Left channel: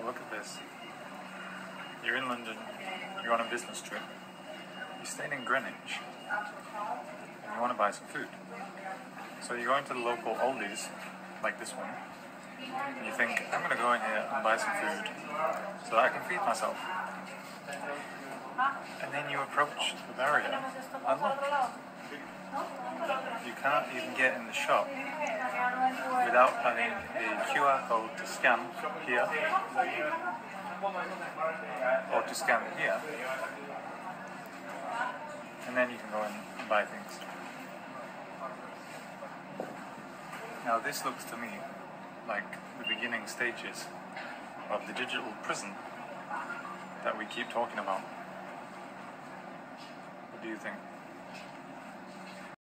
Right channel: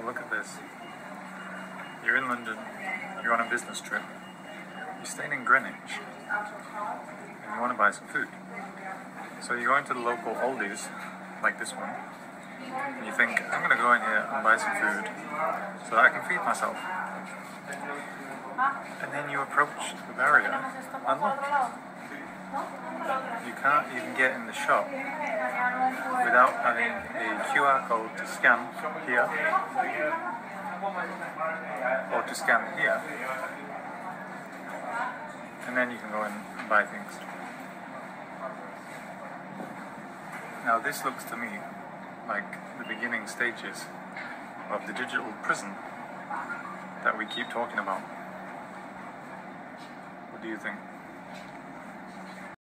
So look at this. You're in London, you're on a business trip, you're staying in Greenwich, and you want to buy some food. So you go into the local Aldi's, like this one, and you think, I'm going to go in here and buy some food so that I can feed myself. And then you approach the barrier, and look, you can't even get in the shop without having a QR code to scan here, or to scan it here, and then you can go in and buy things. Now this looks to me like the beginning stages of the digital prison that we keep talking about. What do you think?